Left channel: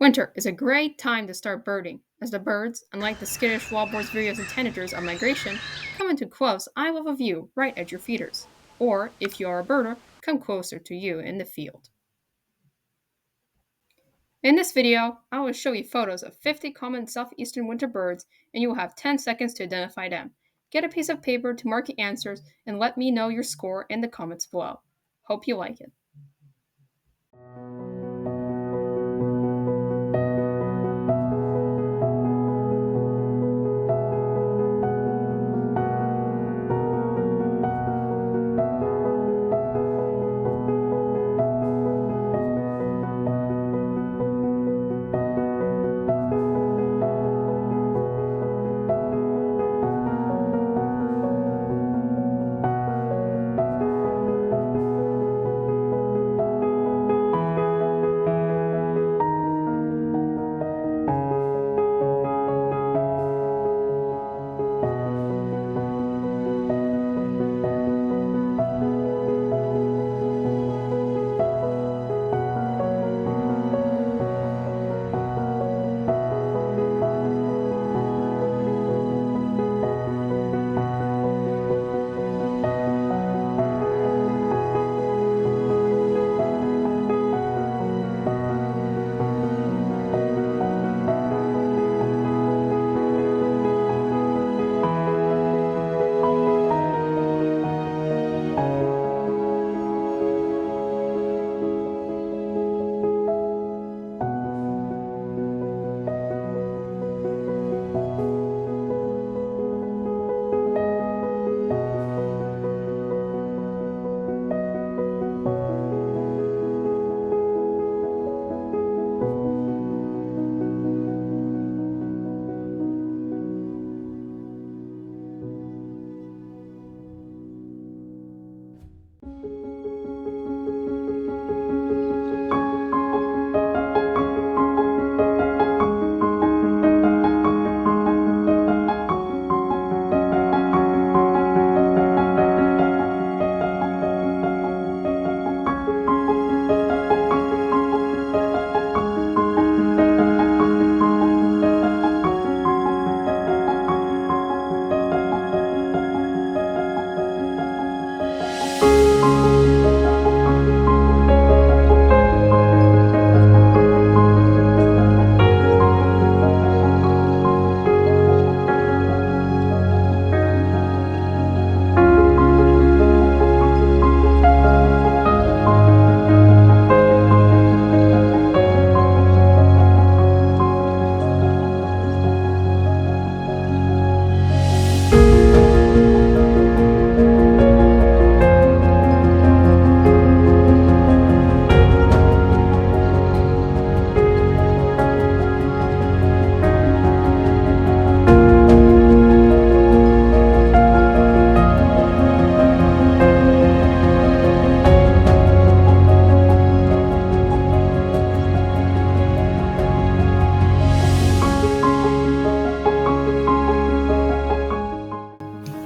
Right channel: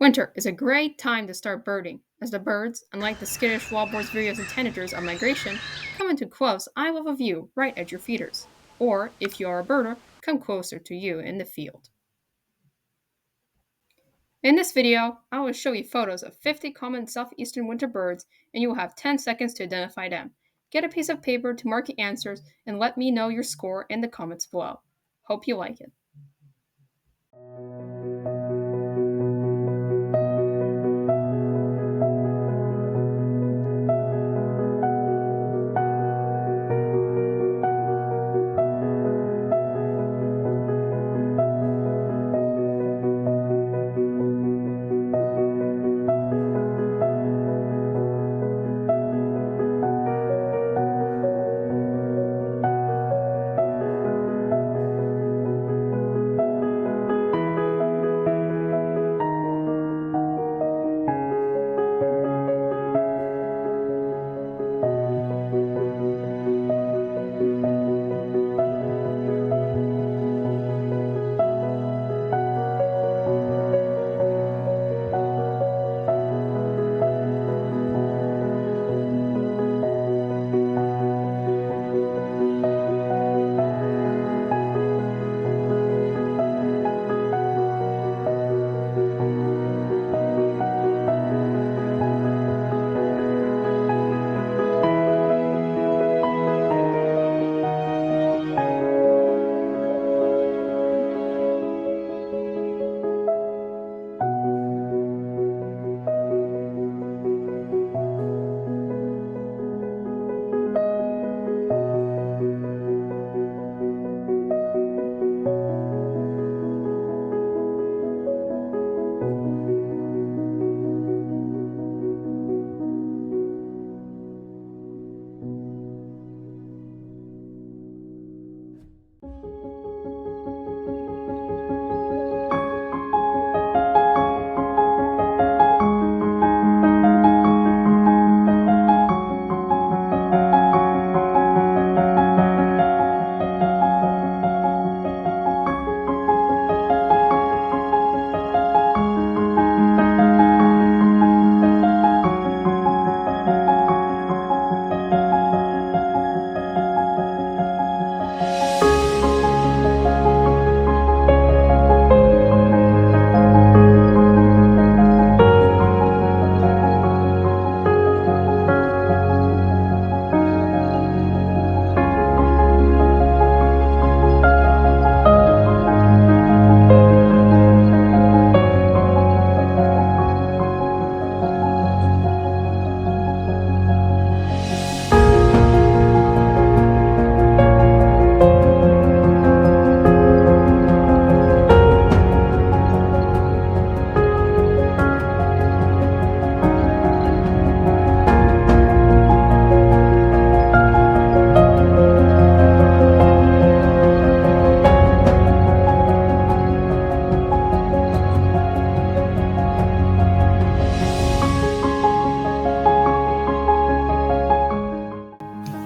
Winter is a great time to start birding, as the birds, unlike the skittish wallboards, vireos, and tanagers of migration, come into close eye-level view right at your feeders, or, if you are a birder, come closer to you in the field. In this video, I will show you photos of 50 common southeastern winter birds, and you will have 10 seconds to identify them. Get a piece of paper to mark your answers, and let me know your score in the comments below. Hope you like it.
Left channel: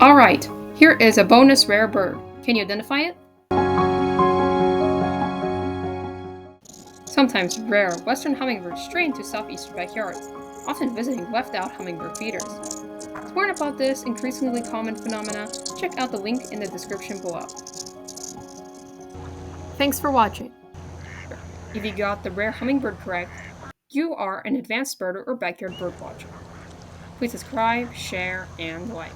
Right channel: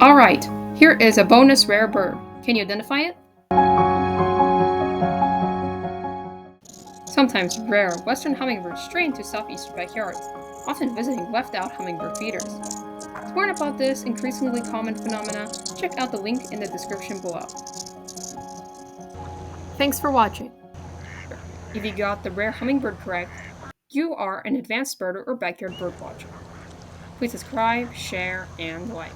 Alright, here is a bonus rare bird. Can you identify it? Sometimes rare western hummingbirds stray into southeastern backyards, often visiting left-out hummingbird feeders. To learn about this increasingly common phenomena, check out the link in the description below. Thanks for watching. If you got the rare hummingbird correct, you are an advanced birder or backyard bird watcher. Please subscribe, share, and like.